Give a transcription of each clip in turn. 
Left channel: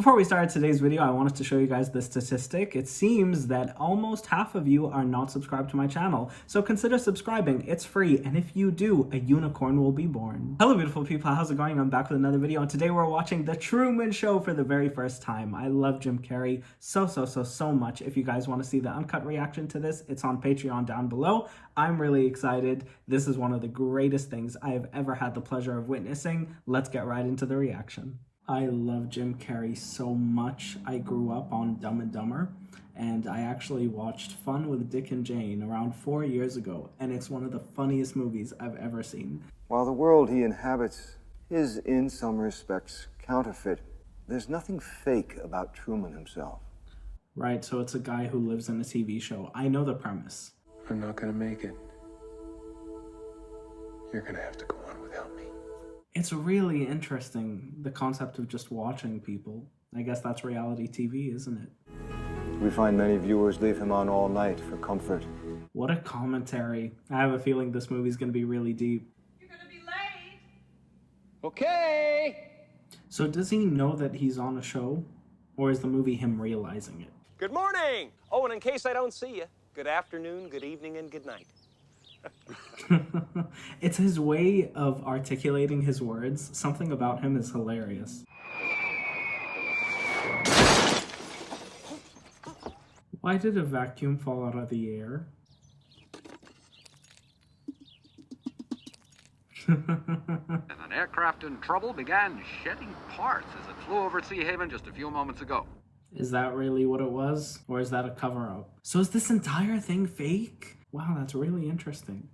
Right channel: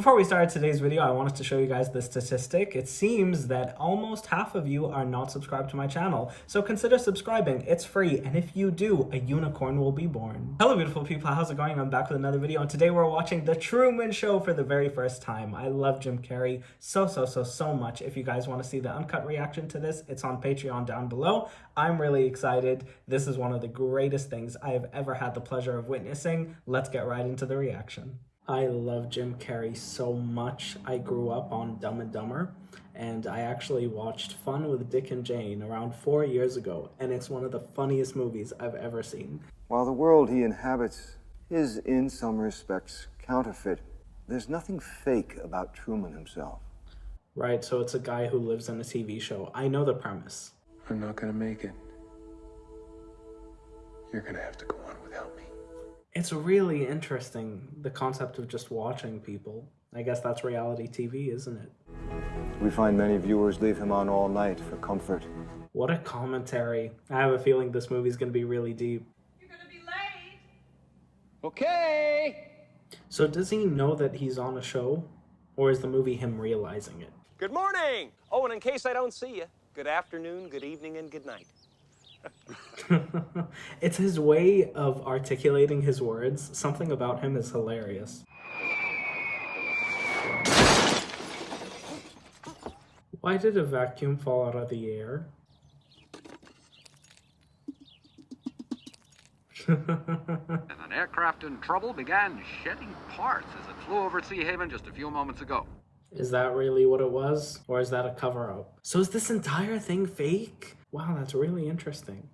Before we start today's video, I wanted to show you guys the statistic. It seems that almost half of you are not subscribed to my channel, so consider subscribing. It's free, and if you do, a unicorn will be born. Hello beautiful people, how's it going? I'm back with another video, and today we're watching The Truman Show for the very first time. I love Jim Carrey so much. If you guys want to see the uncut reaction to this, it's on Patreon down below. I'm really excited. This is one of the greatest things I have ever had the pleasure of witnessing. Let's get right into the reaction. I love Jim Carrey so much. I grew up on Dumb and Dumber, and I actually watched Fun with Dick and Jane around 4 years ago, and it's one of the funniest movies I've ever seen. While the world he inhabits is in some respects counterfeit, there's nothing fake about Truman himself. Right, so it's a guy who lives on a TV show. I know the premise. I'm not gonna make it. You're gonna have to go on without me. It's really interesting, the concept of just watching people. I guess that's reality TV, isn't it? We find many viewers leave him on all night for comfort. What a commentary. I have a feeling this movie's gonna be really deep. You're gonna be late. Okay! So does he know that he's on a show? Or is the movie him realizing it? Good morning! Oh, and in case I don't see you, good afternoon, good evening, and good night. It's his way of articulating his words. Something about him is hilarious. Why did a vacuum fall out of the air? An aircraft in trouble began shedding parts as it flew over Sea Haven just a few moments ago. Is that really what it was? Or is that a cover-up? So is this entire thing fake? Wow, that's really interesting.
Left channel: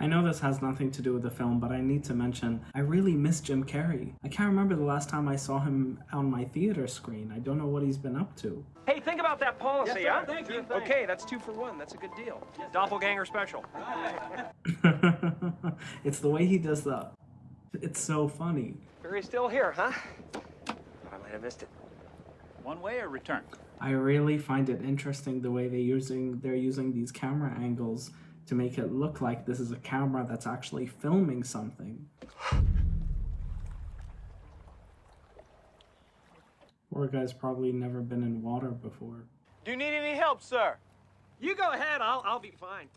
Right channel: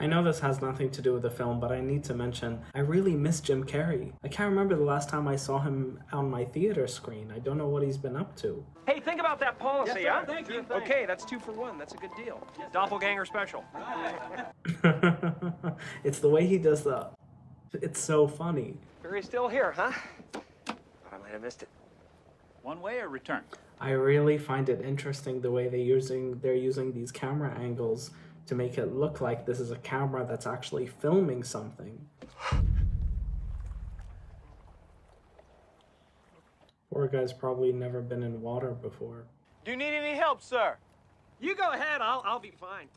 I know this has nothing to do with the film, but I need to mention, I really miss Jim Carrey. I can't remember the last time I saw him on my theater screen. I don't know what he's been up to. Hey, think about that policy, Yes, sir. huh? Thank you. Okay, that's 2 for 1. That's a good deal. Doppelganger special. It's the way he does that. It's so funny. Barry's still here, huh? Thought I might have missed it. One way or return? I really find it interesting the way they're using these camera angles to make it look like this is a camera that's actually filming something. Poor guy's probably never been in water before. Do you need any help, sir? You go ahead. I'll be fine.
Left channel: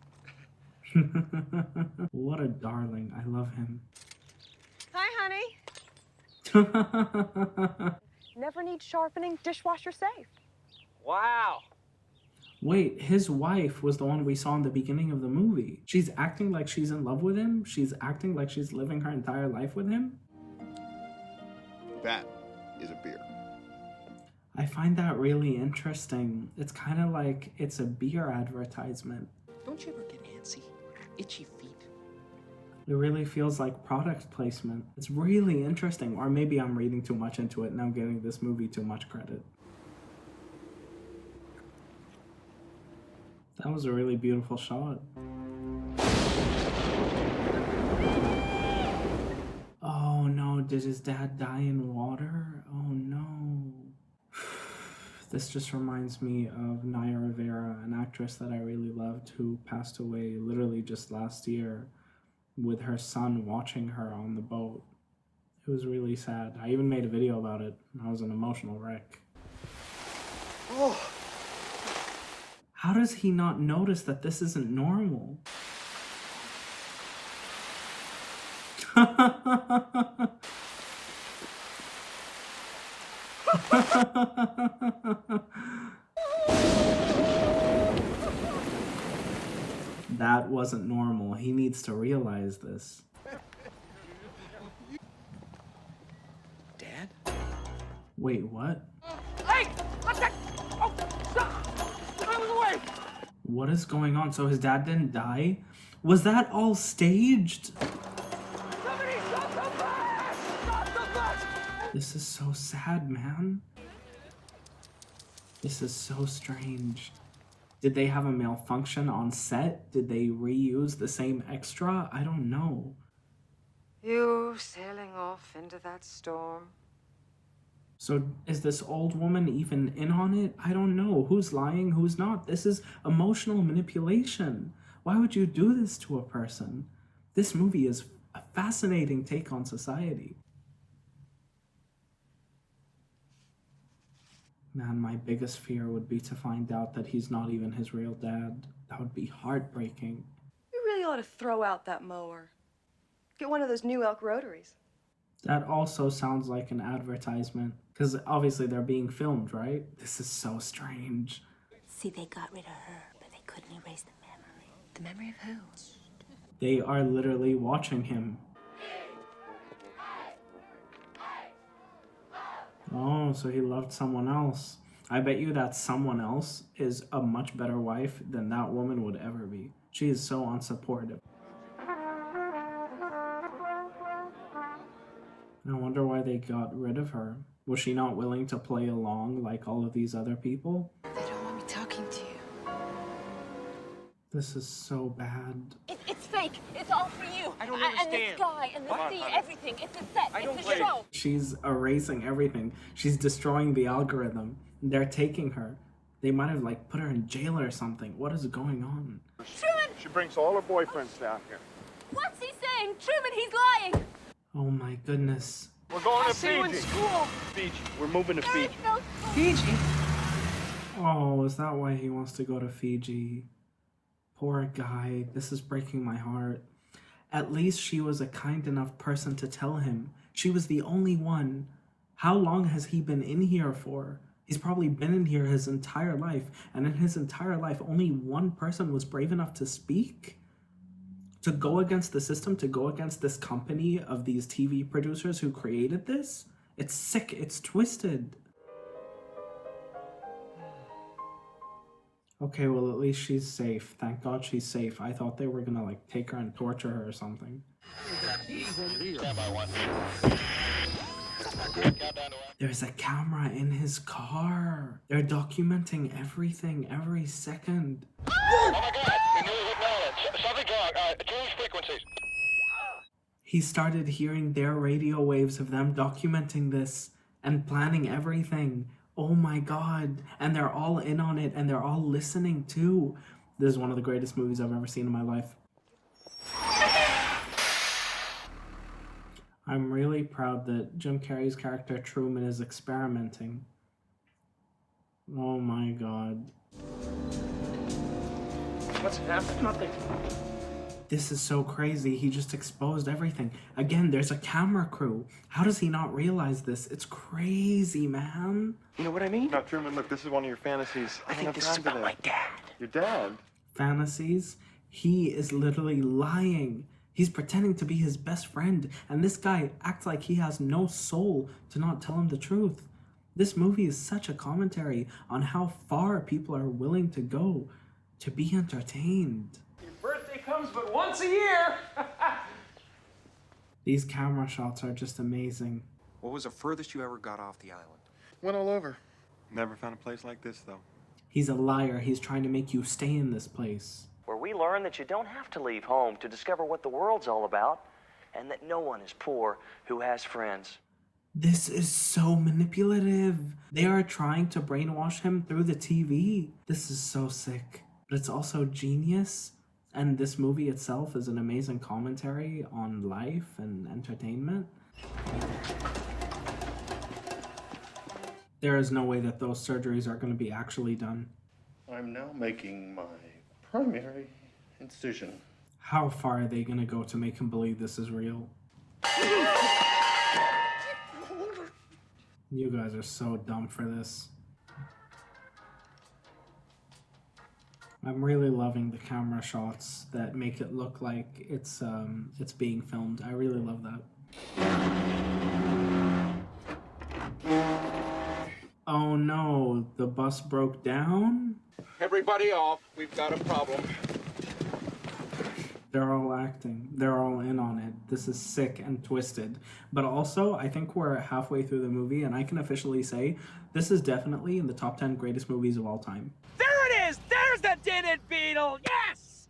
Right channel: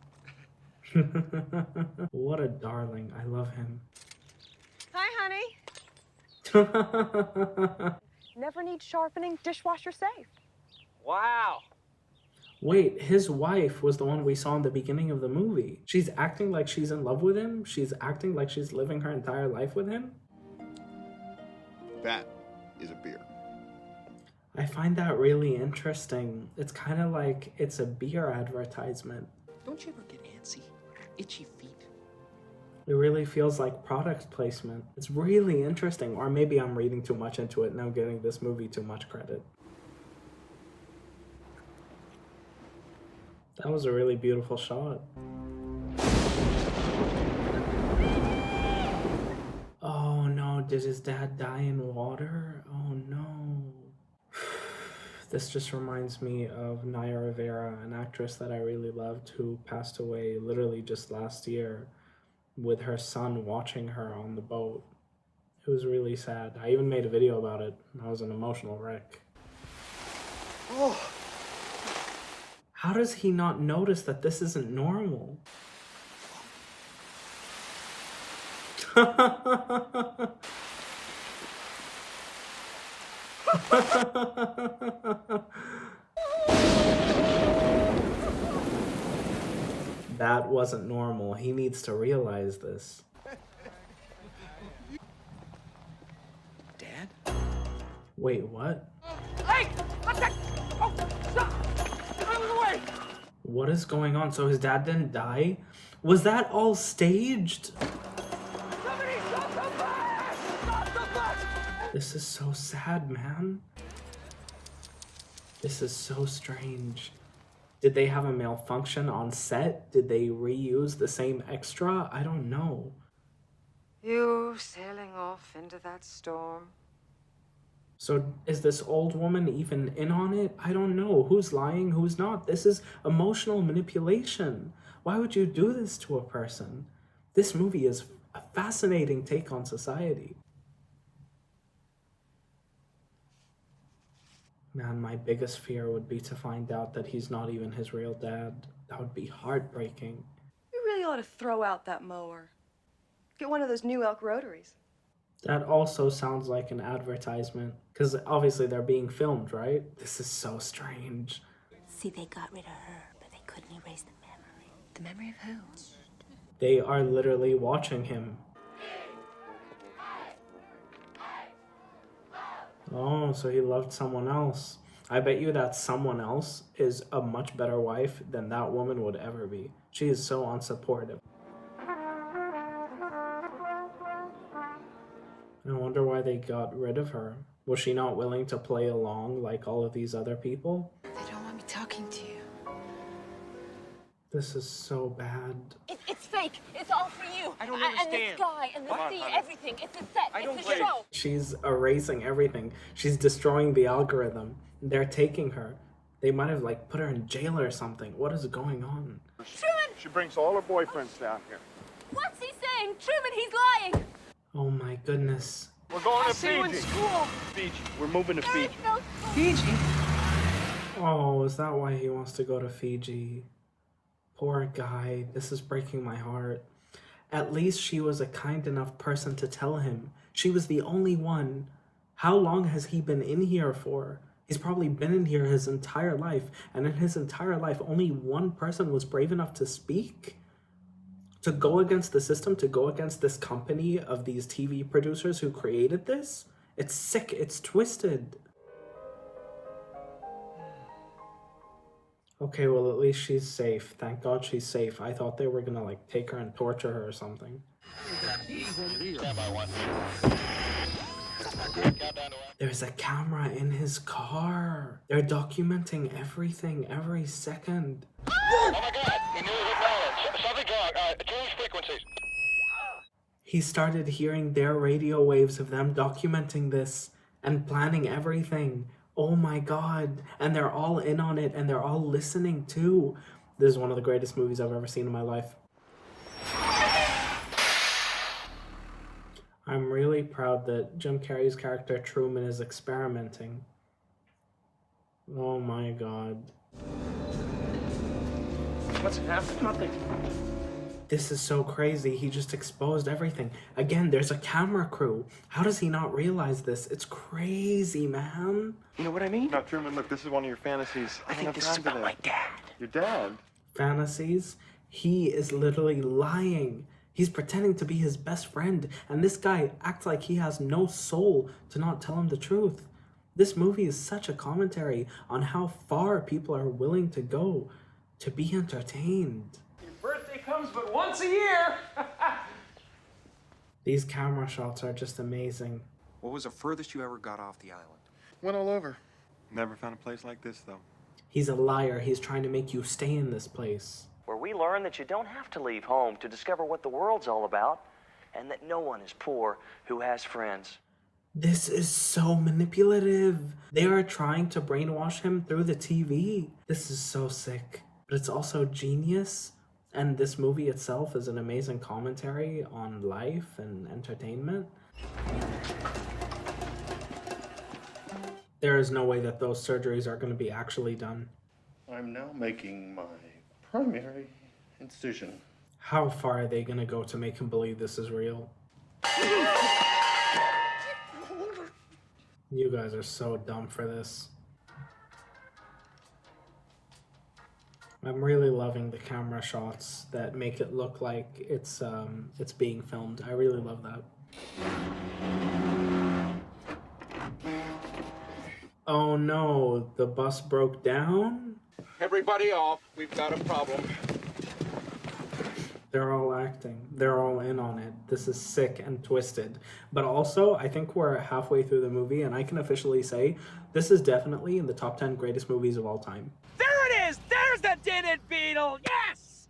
What a darling. I love him. Hi, honey. Never need sharpening, dishwasher safe. Wow. Wait, his wife was the one we saw in the beginning of the movie. She's acting like she's in love with him? She's acting like she's living her entire life with him? That is a beer. I find that really interesting. It's kind of like it's a beer advertisement. Don't you ever get antsy? Itchy feet? It really feels like product placement. It's really interesting. Or maybe I'm reading too much into it and I'm giving this movie too much credit. That was a really beautiful shot. Oh no, did his dad die in water? Oh no. This just reminds me of Naya Rivera, an actress that I really loved who passed away literally just last year with her son watching her on the boat. It was really sad. I even made a video about it. I was an emotional wreck. Oh. How does he not notice that this isn't normal? That wasn't normal. He needs to realize this. Dad? Wait, what? Hey! What's that? Oh, stop! Get out of the way! What is going on? So his dad didn't die? Was that all staged? Somebody stop the bus! Stop the bus! This is so sad, man. This is so strange. Did they have a malfunction on set? Did they reuse the same extra? I don't know. You sailing off into that storm? So is this old woman even in on it? I don't know. Who's lying, who's not? This is emotional manipulation. Why would you do this to a person? This movie is A fascinating take on society. Man, my biggest fear would be to find out that he's not even his real dad. That would be heartbreaking. You really ought to throw out that mower. Get one of those new elk rotaries. That also sounds like an advertisement, because obviously they're being filmed, right? This is so strange. See, they got rid of her, but they couldn't erase the memory. The memory of who? They are literally watching him. Oh, so he loved someone else. I bet you that someone else is a much better wife than that woman would ever be. She is so unsupportive. I wonder why they got rid of her. Was she not willing to play along like all of these other people? They don't want me talking to you. This is so bad. It's fake. It's all for you. I don't And understand. the sky and the sea, honey? everything. It's a set. It's a show. She's erasing everything. She's destroying the algorithm. They're taking her. They might have like put her in jail or something. What is going on? Truman! She brings all her boyfriends down here. What's he saying? Truman, he's lying. Oh my goodness. We're going to See you in Fiji. school. Fiji. We're moving to There is Fiji. no Fiji. Oh, is that why he wants to go to Fiji? Poor guy. This is breaking my heart. At least she was a kind enough person to tell him. She was the only one. How long has he been in here for? He's probably been in here his entire life. And in his entire life, only one person was brave enough to speak? To go against the system, to go against this company of these TV producers who created this? It's sick. It's twisted. Okay, well, at least she's safe. Thank God she's safe. I thought they were gonna, like, take her and torture her or something. There's a camera in his car. They're documenting everything, every second. Oh my God! We newly acknowledged. Something's wrong. Change frequencies. He started hearing their radio waves of them documenting this and planning everything. Oh my God. And they're all in on it and they're all listening too. This is one of the greatest movies I've ever seen in my life. I'm really proud that Jim Carrey's character Truman is experimenting. Oh my God. What's happened? Nothing. This is so crazy. He just exposed everything. Again, there's a camera crew. How does he not realize this? It's crazy, man. You know what I mean? Now, Truman, look, this is one of your fantasies. I think this is about my dad. Your dad? Fantasies? He is literally lying. He's pretending to be his best friend, and this guy acts like he has no soul to not tell him the truth. This movie is such a commentary on how far people are willing to go to be entertained. Your birthday comes but once a year. These camera shots are just amazing. What was the furthest you ever got off the island? Went all over. Never found a place like this, though. He's a liar. He's trying to make you stay in this place. Where we learn that you don't have to leave home to discover what the world's all about, and that no one is poor who has friends. This is so manipulative. They are trying to brainwash him through the TV. This is so sick. But it's also genius. And this movie itself is an amazing commentary on life and entertainment. There is no way that those surgeries are going to be actually done. I'm now making my primary incision. How far are they going to go to make him believe this is real? You guys are so dumb for this. I'm really loving the camera shots that make it look like it's being filmed. I really love that. Oh no, the bus broke down? Everybody off. We've got a problem. They're all acting. They're all in on it. This is sick and twisted. But also, I think we're halfway through the movie, and I can officially say this is definitely in the top 10 greatest movies of all time. There it is! There's the dented beetle! Yes!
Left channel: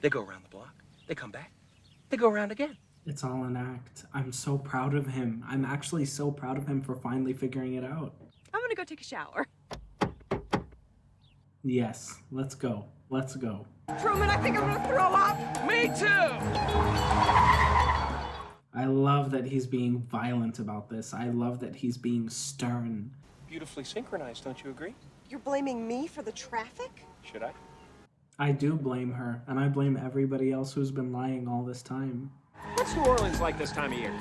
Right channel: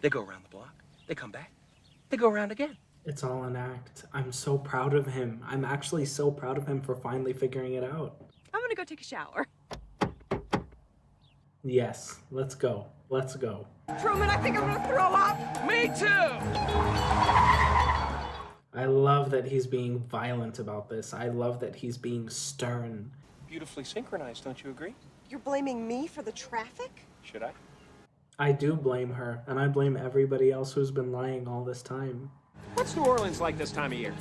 They go around the block. They come back. They go around again. It's all an act. I'm so proud of him. I'm actually so proud of him for finally figuring it out. I'm gonna go take a shower. Yes, let's go. Let's go. Truman, I think I'm gonna throw up. Me too! I love that he's being violent about this. I love that he's being stern. Beautifully synchronized, don't you agree? You're blaming me for the traffic? Should I? I do blame her, and I blame everybody else who's been lying all this time. What's New Orleans like this time of year?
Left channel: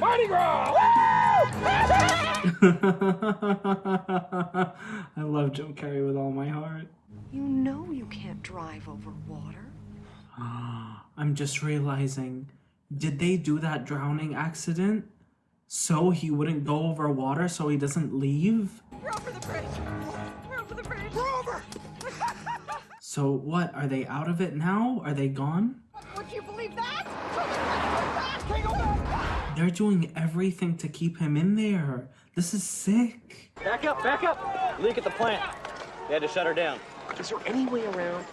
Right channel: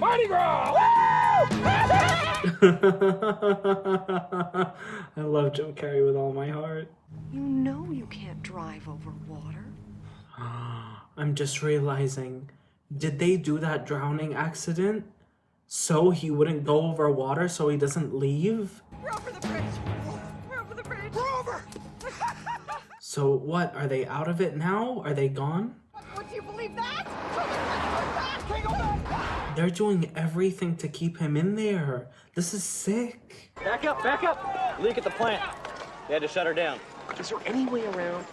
Mardi Gras! I love Jim Carrey with all my heart. You know you can't drive over water. I'm just realizing, did they do that drowning accident so he wouldn't go over water so he doesn't leave? We're over the bridge. We're over the bridge. We're over! So what, are they out of it now? Are they gone? Would you believe that? Can't go back. They're doing everything to keep him in there. This is sick. Back up, back up! Leak at the plant. They had to shut her down. Is there any way around?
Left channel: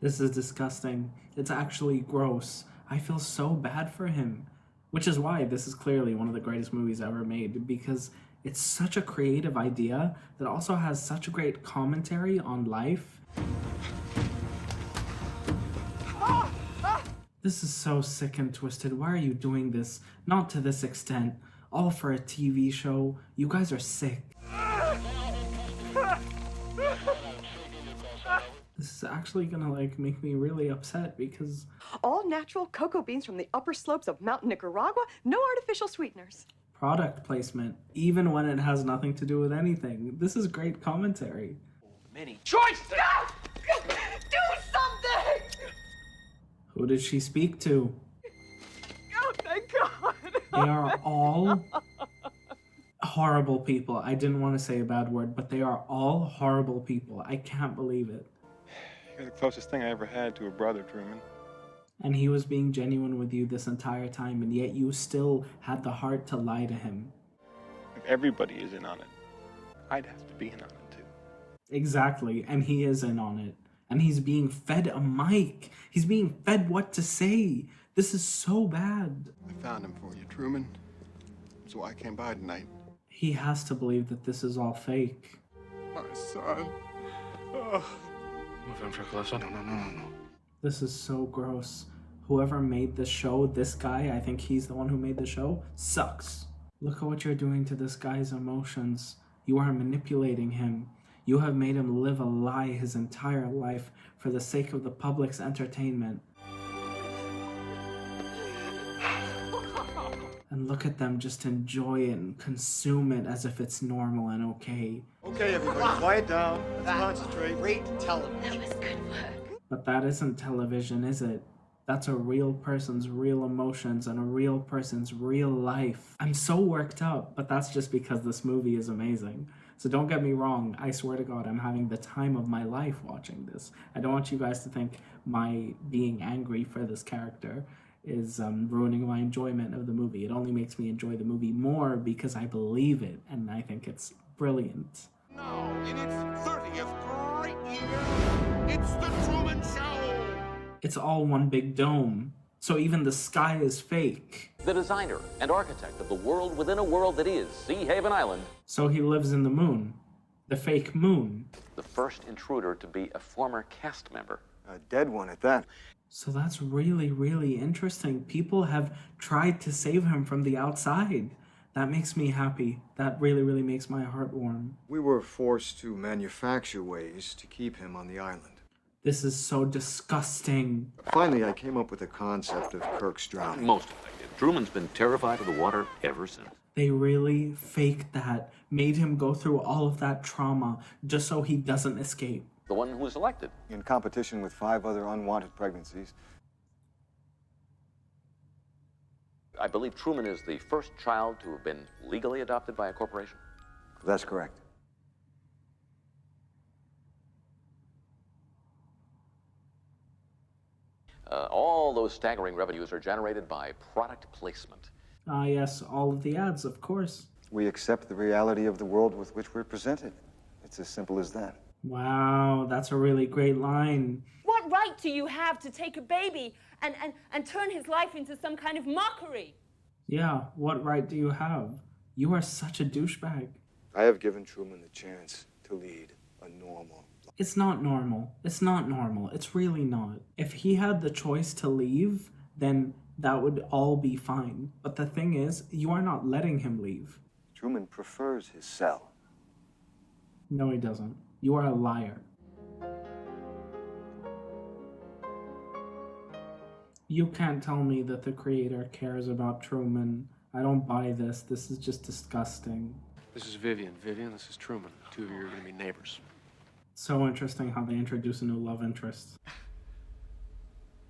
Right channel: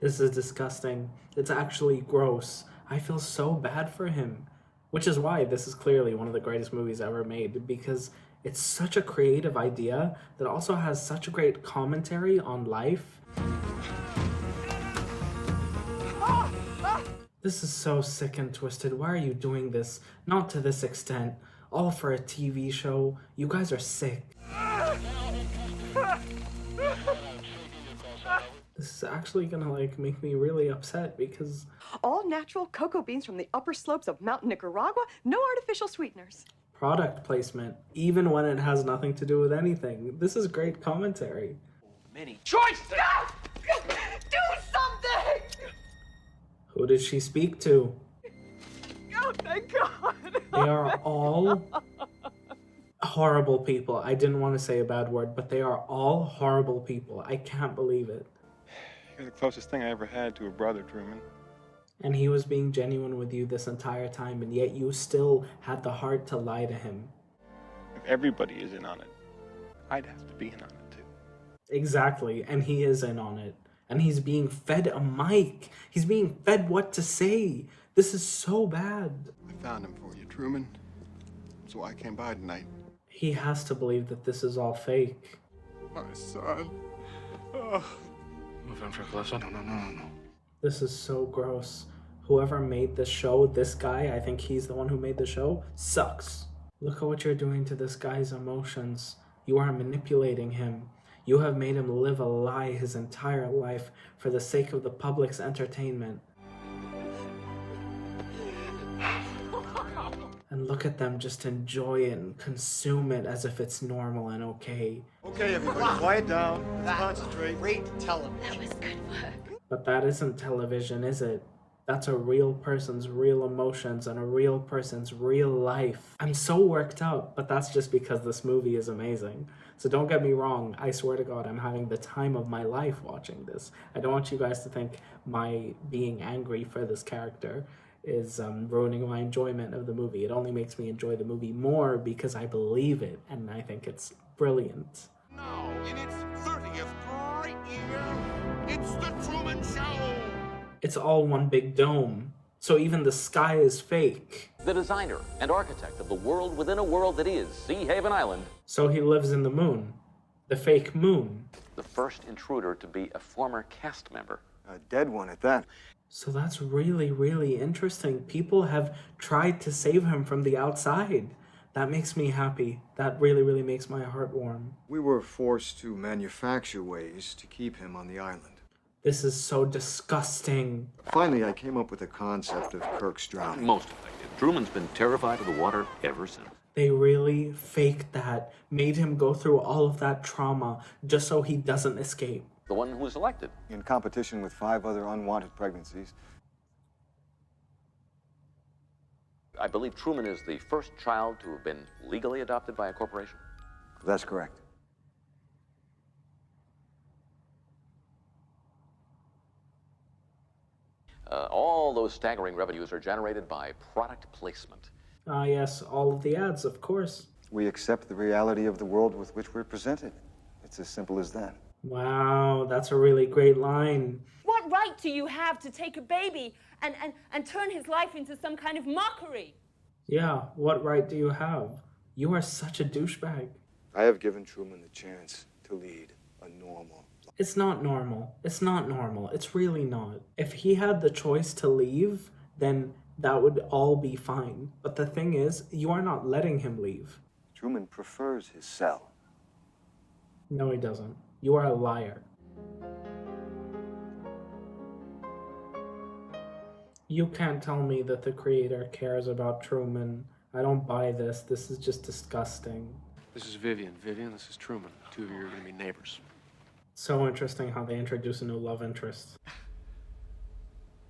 This is disgusting. It's actually gross. I feel so bad for him. Which is why this is clearly one of the greatest movies ever made, because it's such a creative idea that also has such a great commentary on life. This is so sick and twisted. Why are you doing this? Not to this extent. All for a TV show. You guys are sick. This is actually gonna make me really upset because All natural cocoa beans from the upper slopes of Mountain Nicaragua, no artificial sweeteners. product placement, even when it has nothing to do with anything. This is great commentary. Many choices! Do something! Who did she speak to? Oh, thank God. They are all horrible people. I didn't want to say a bad word, but they are all horrible people. I can't believe it. You're the closest thing I ever had to a brother, Truman. And he was being genuine with you this entire time, and yet you still had the heart to lie to him. If everybody is in on it, I'd have to be in on it too. Exactly, and he is in on it. And he's being fed a mic. He's being fed what to say. This is so bad. I found him for you, Truman. That's why I came by tonight. He has to believe that this is all fake. My son. Oh. Move on for closer. No. This is so gross. Whoever made this show, this guy, I think he's the one who made the show, sucks. Look at what you're doing to this guy's emotions. You are manipulating him. You have made him live a lie his entire life for the sake of the public's entertainment. And look at them just enjoy it and consume it as if it's normal and okay. Okay, everybody, quiet down. Let's concentrate. Great television. That was good work. But that isn't television, is it? That's a real person's real emotions and a real person's real life. I'm so worked up, but that's just because this movie is amazing. So don't get me wrong, I swear to God, I'm having the time of my life watching this. I don't want you guys to think my being angry for this character is ruining my enjoyment of the movie. It only makes me enjoy the movie more because I believe it, and I think it's brilliant. Now, in its 30th great year, it's the Truman Show! It's all one big dome, so even the sky is fake. The designer and architect of the world within a world that is Sea Haven Island. So he lives in the moon. The fake moon. The first intruder to be a former cast member. A dead one at that. So that's really, really interesting. People have tried to save him from the outside. That makes me happy. That really, really makes my heart warm. We were forced to manufacture ways to keep him on the island. This is so disgusting. Finally, I came up with the concept of Kirk's drowning. Most effective. Truman's been terrified of the water ever since. They really faked that, made him go through all of that trauma just so he doesn't escape. The one who was elected. In competition with 5 other unwanted pregnancies. I believe Truman is the first child to have been legally adopted by a corporation. That's correct. All those staggering revenues are generated by product placement. Ah, yes, all of the ads, of course. We accept the reality of the world with which we're presented. It's as simple as that. Wow, that's a really great line. What right do you have to take a baby and turn his life into some kind of mockery? Yeah, what right do you have? You are such a douchebag. I have given Truman the chance to lead a normal life. It's not normal. It's not normal. It's really not. If he had the choice to leave, then that would all be fine. But the thing is, you are not letting him leave. Truman prefers his cell. No, he doesn't. You are a liar. You can't tell me that the creator cares about Truman. I don't buy this. This is just disgusting. This is Vivian. Vivian, this is Truman. Two of you are going to be neighbors. So interesting how they introduce a new love interest.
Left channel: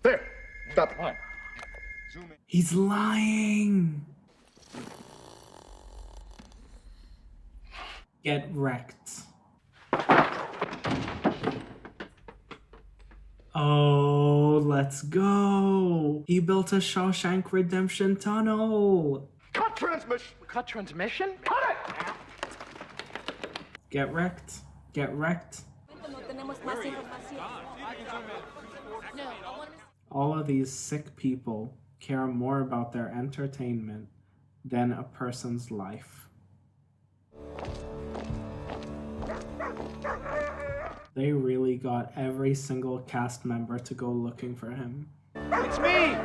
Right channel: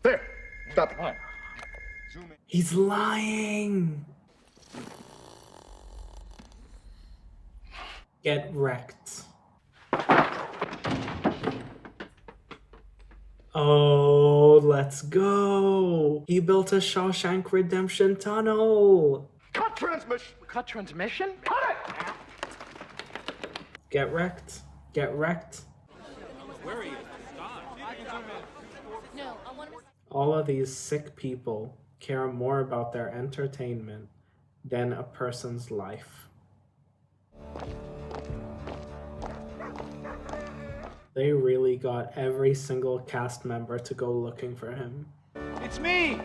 There! Stop it. What? He's lying! Get wrecked. Oh, let's go! He built a Shawshank Redemption tunnel! Cut transmission! Cut transmission? Cut it! Get wrecked. Get wrecked. Where are you? All of these sick people care more about their entertainment than a person's life. They really got every single cast member to go looking for him. It's me!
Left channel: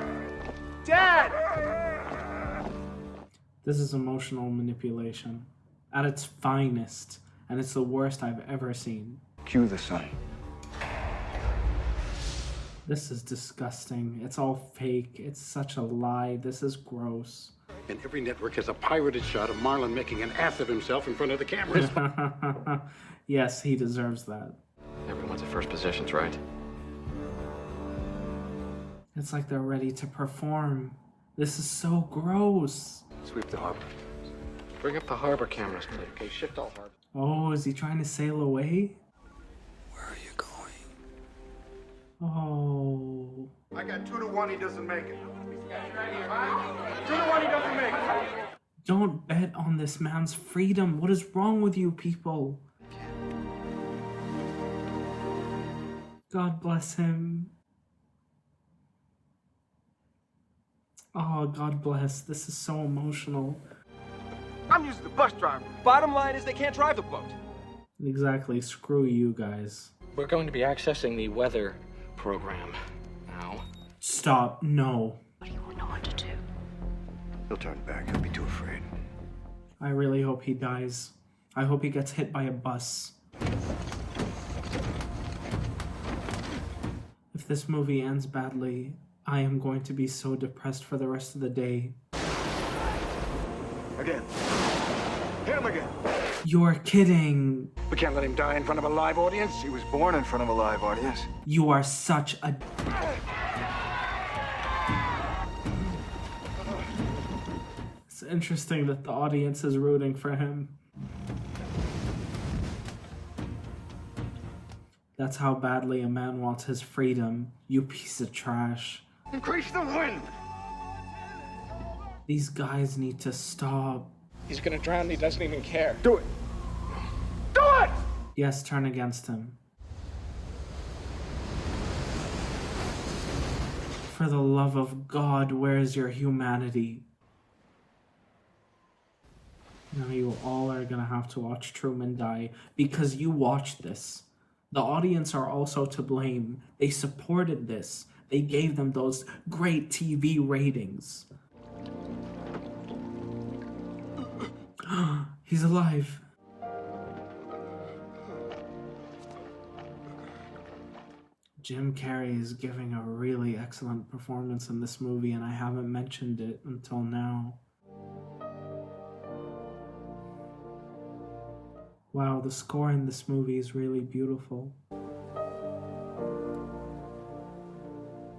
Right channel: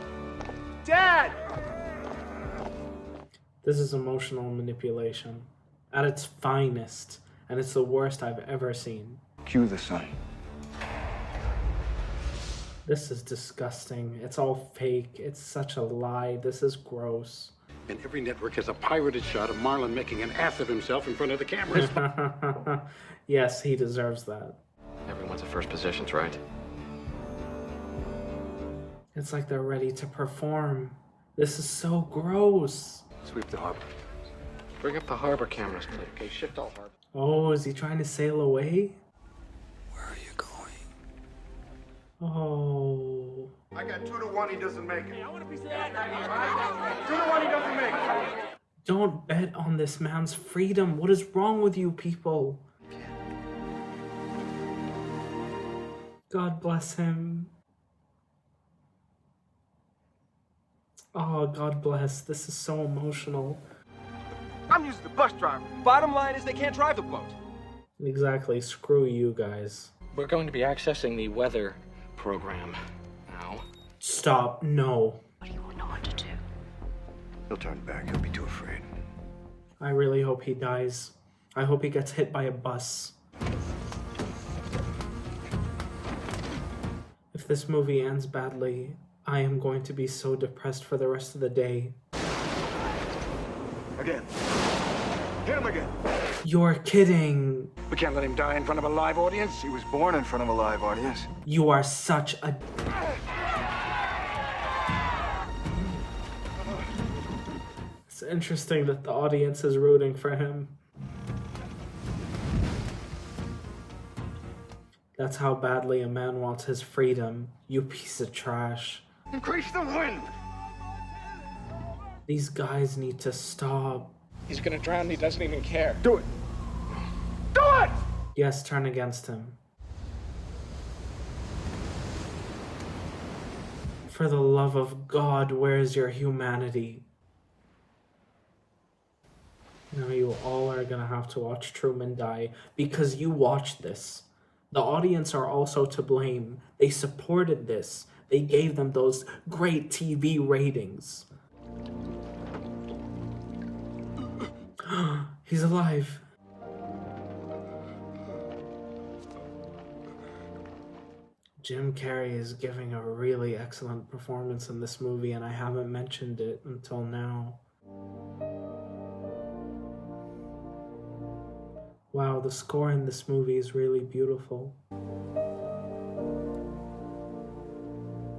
Dad! This is emotional manipulation at its finest, and it's the worst I've ever seen. Cue the sun. This is disgusting. It's all fake. It's such a lie. This is gross. And every network has a pirated shot of Marlon making an ass of himself in front of the cameras. Yes, he deserves that. Everyone's at first positions, right? It's like they're ready to perform. This is so gross. Sweep the harbor. Bring up the harbor cameras, please. Okay, shift all harbor. Oh, is he trying to sail away? Where are you going? Oh. I got 2-1 he doesn't make it. 2-1 he doesn't make it. Don't bet on this man's freedom. What is wrong with you people? God bless him. Oh, God bless. This is so emotional. I'm using the bus driver. Bottom line is they can't drive the boat. Exactly. Screw you guys. We're going to be accessing the weather program now. Stop. No. What do you know what to do? He'll turn back. He'll be too afraid. I really hope he dies. I hope he gets hit by a bus. If this movie ends badly, I am going to be so depressed for the rest of the day. Again. Hit him again. You're kidding. We can't let him die in front of a live audience. He was born in front of a live audience. You are such a... It's interesting that the audience is rooting for him. That's how badly a man wants his freedom, you piece of trash. Increase the wind! These guys need to stop. He's gonna drown and he doesn't even care. Do it! Do it! Yes, turn against him. For the love of God, where is your humanity? Now you all are gonna have to watch Truman die because you watched this. The audience are also to blame. They supported this. They gave them those great TV ratings. He's alive. Jim Carrey is giving a really excellent performance in this movie, and I haven't mentioned it until now. Wow, the score in this movie is really beautiful.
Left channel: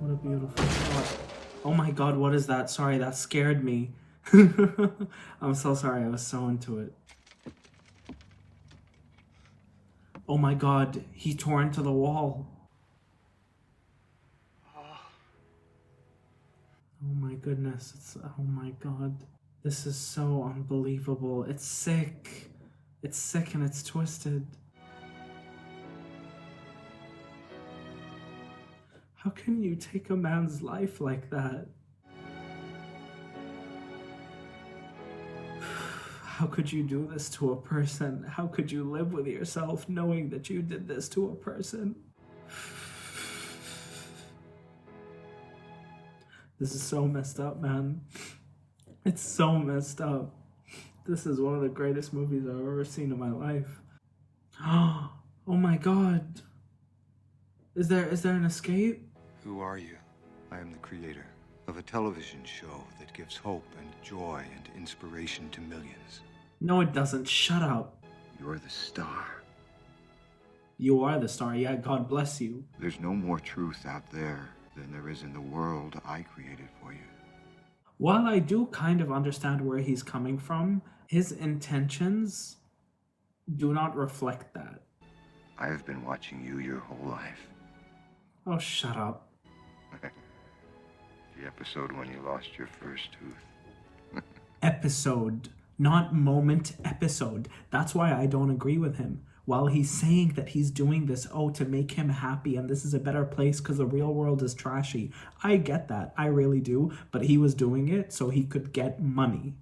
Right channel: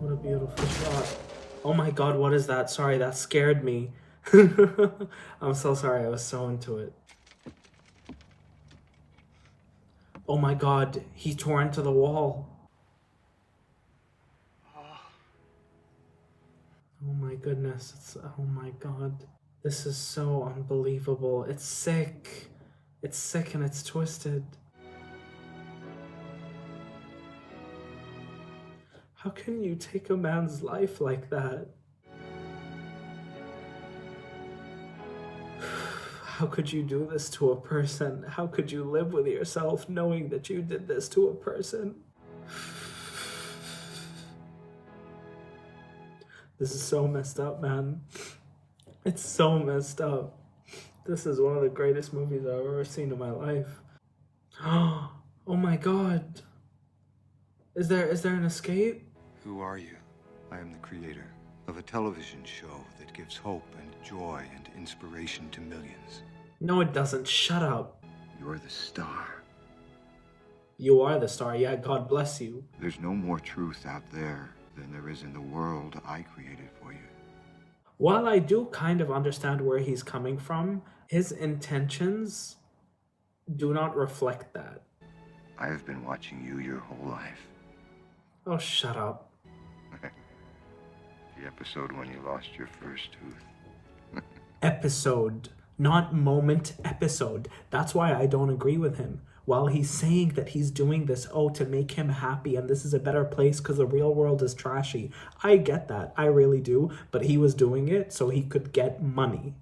What a beautiful shot. Oh my god, what is that? Sorry, that scared me. I'm so sorry, I was so into it. Oh my god, he tore into the wall. Oh my goodness, oh my god. This is so unbelievable. It's sick. It's sick and it's twisted. How can you take a man's life like that? How could you do this to a person? How could you live with yourself knowing that you did this to a person? This is so messed up, man. It's so messed up. This is one of the greatest movies I've ever seen in my life. Oh my god. Is there an escape? Who are you? I am the creator of a television show that gives hope and joy and inspiration to millions. No, it doesn't. Shut up. You're the star. You are the star. Yeah, God bless you. There's no more truth out there than there is in the world I created for you. While I do kind of understand where he's coming from, his intentions do not reflect that. I have been watching you your whole life. Oh, shut up. The episode when you lost your first tooth. Episode, not moment, episode. That's why I don't agree with him. While he's saying that he's doing this, to make him happy and this is a better place because the real world is trashy. I get that. I really do. But he was doing it so he could get money.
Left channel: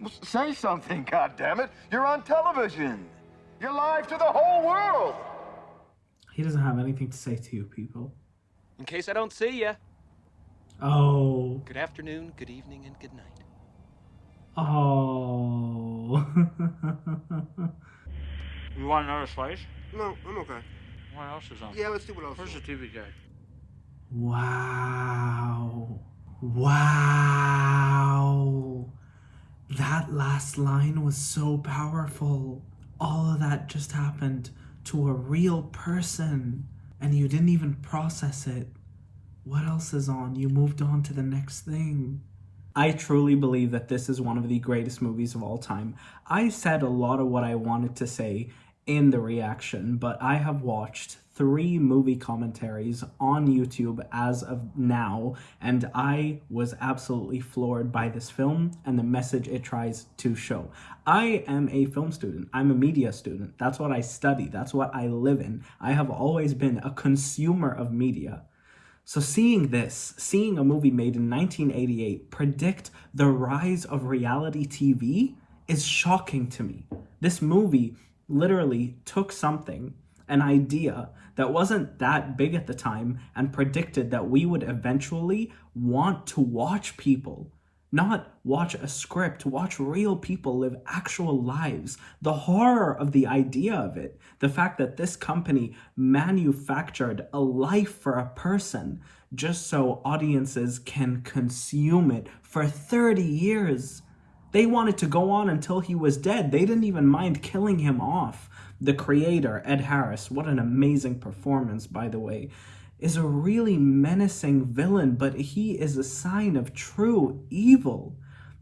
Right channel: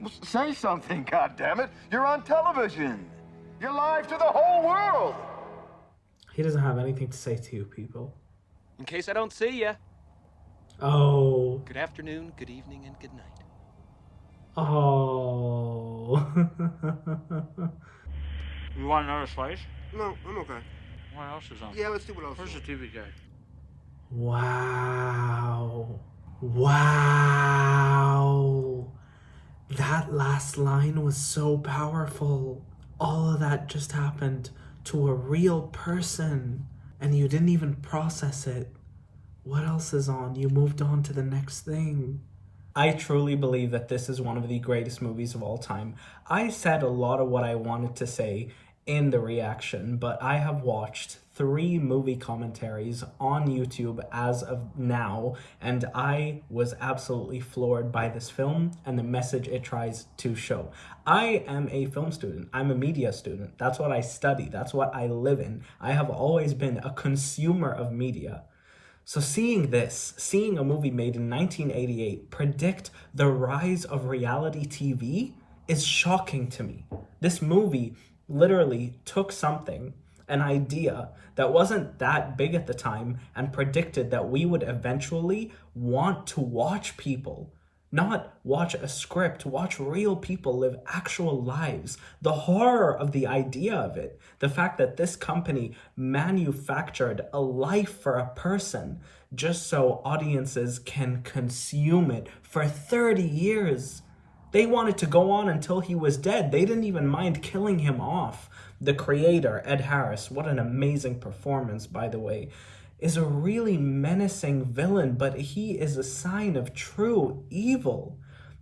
Well, say something, goddammit. You're on television. You're live to the whole world. He doesn't have anything to say to you people. In case I don't see you. Oh. Good afternoon, good evening, and good night. Oh. You want another slice? No, I'm okay. What else is on? Yeah, let's do what else. Where's the TV guy? Wow. Wow. That last line was so powerful. All of that just happened to a real person, and you didn't even process it. What else is on? You moved on to the next thing. I truly believe that this is one of the greatest movies of all time. I said a lot of what I wanted to say in the reaction, but I have watched 3 movie commentaries on YouTube as of now, and I was absolutely floored by this film and the message it tries to show. I am a film student. I'm a media student. That's what I study. That's what I live in. I have always been a consumer of media. So seeing this, seeing a movie made in 1988 predict the rise of reality TV is shocking to me. This movie literally took something, an idea that wasn't that big at the time, and predicted that we would eventually want to watch people. Not watch a script, watch real people live actual lives. The horror of the idea of it. The fact that this company manufactured a life for a person just so audiences can consume it for 30 years. They wanted to go on until he was dead. They didn't even mind killing him off. The creator, Ed Harris, what an amazing performance, by the way, is a really menacing villain, but he is a sign of true evil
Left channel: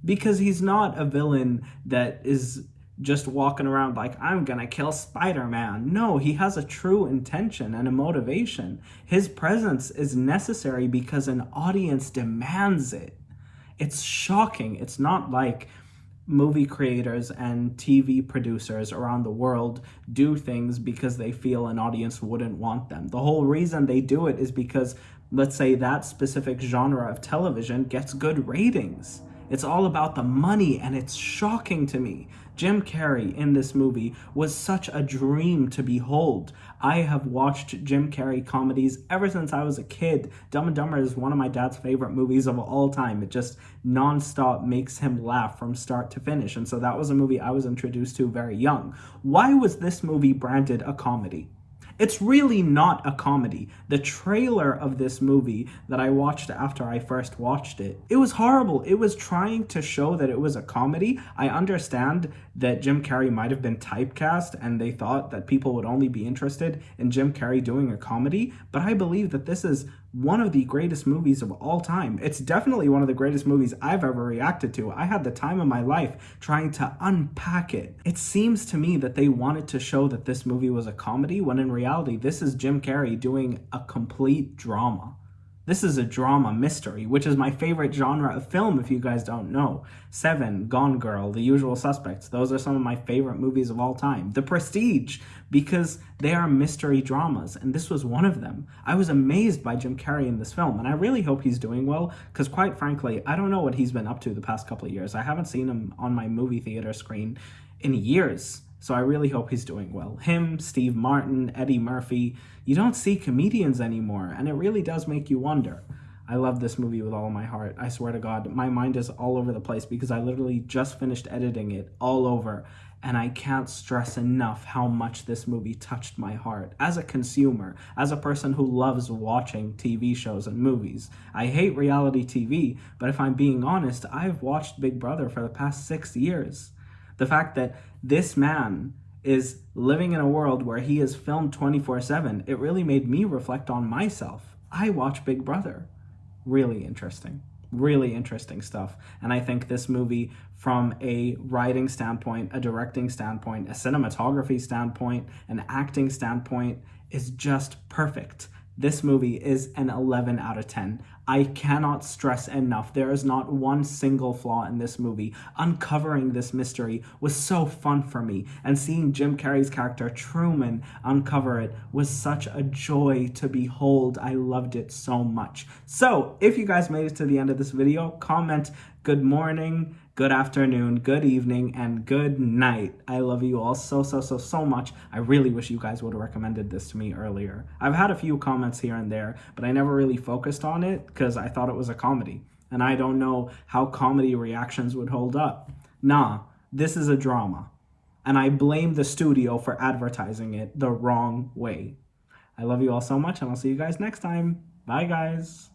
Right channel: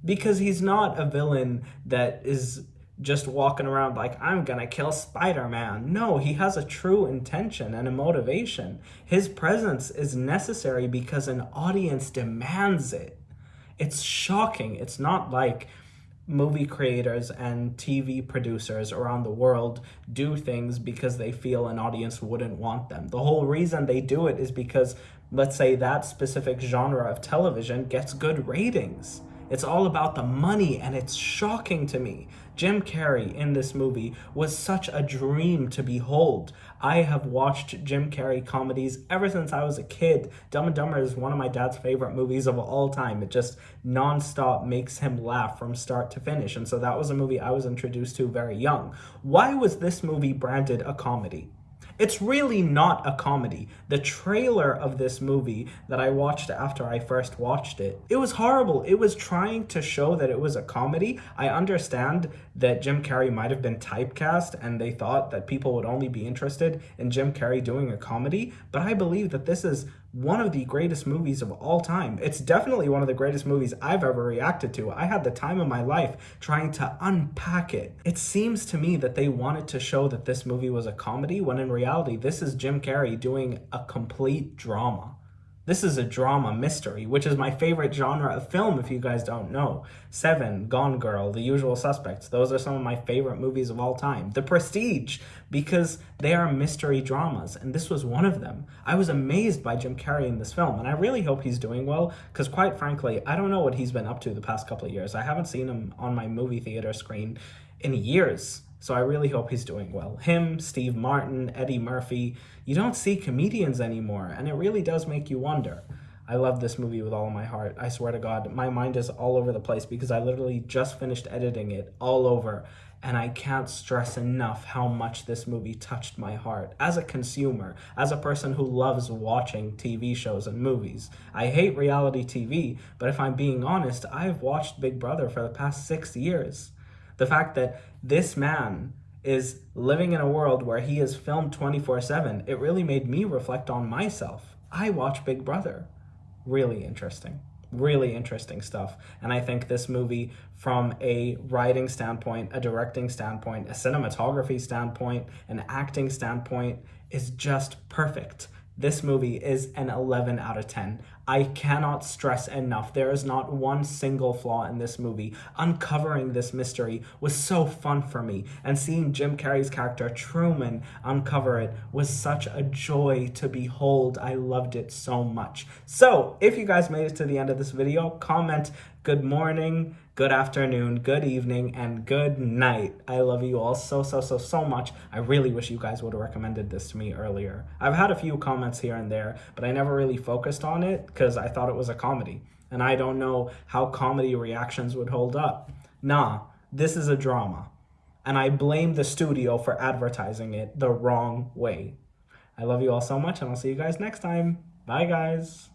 because he's not a villain that is just walking around like, I'm gonna kill Spider-Man. No, he has a true intention and a motivation. His presence is necessary because an audience demands it. It's shocking. It's not like movie creators and TV producers around the world do things because they feel an audience wouldn't want them. The whole reason they do it is because, let's say, that specific genre of television gets good ratings. It's all about the money, and it's shocking to me. Jim Carrey in this movie was such a dream to behold. I have watched Jim Carrey comedies ever since I was a kid. Dumb and Dumber is one of my dad's favorite movies of all time. It just nonstop makes him laugh from start to finish. And so that was a movie I was introduced to very young. Why was this movie branded a comedy? It's really not a comedy. The trailer of this movie that I watched after I first watched it, it was horrible. It was trying to show that it was a comedy. I understand that Jim Carrey might have been typecast and they thought that people would only be interested in Jim Carrey doing a comedy, but I believe that this is one of the greatest movies of all time. It's definitely one of the greatest movies I've ever reacted to. I had the time of my life trying to unpack it. It seems to me that they wanted to show that this movie was a comedy, when in reality, this is Jim Carrey doing a complete drama. This is a drama mystery, which is my favorite genre of film, if you guys don't know. Seven, Gone Girl, The Usual Suspects. Those are some of my favorite movies of all time. The Prestige, because they are mystery dramas, and this was one of them. I was amazed by Jim Carrey in this film, and I really hope he's doing well, because quite frankly, I don't know what he's been up to the past couple of years. I haven't seen him on my movie theater screen in years, so I really hope he's doing well. Him, Steve Martin, Eddie Murphy, you don't see comedians anymore, and it really does make you wonder. I love this movie with all my heart. I swear to God, my mind is all over the place because I literally just finished editing it all over, and I can't stress enough how much this movie touched my heart. As a consumer, as a person who loves watching TV shows and movies. I hate reality TV, but if I'm being honest, I've watched Big Brother for the past 6 years. The fact that this man is living in a world where he is filmed 24/7, it really made me reflect on myself. I watch Big Brother. Really interesting stuff. And I think this movie, from a writing standpoint, a directing standpoint, a cinematography standpoint, an acting standpoint, is just perfect. This movie is an 11 out of 10. I cannot stress enough, there is not one single flaw in this movie. Uncovering this mystery was so fun for me, and seeing Jim Carrey's character Truman uncover it was such a joy to behold. I loved it so much. So, if you guys made it to the end of this video, comment good morning, good afternoon, good evening, and good night. I love you all so much. I really wish you guys would have recommended this to me earlier. I've had a few comments here and there, but I never really focused on it because I thought it was a comedy. And I don't know how comedy reactions would hold up. Nah, this is a drama. And I blame the studio for advertising it the wrong way. I love you all so much, and I'll see you guys next time. Bye, guys.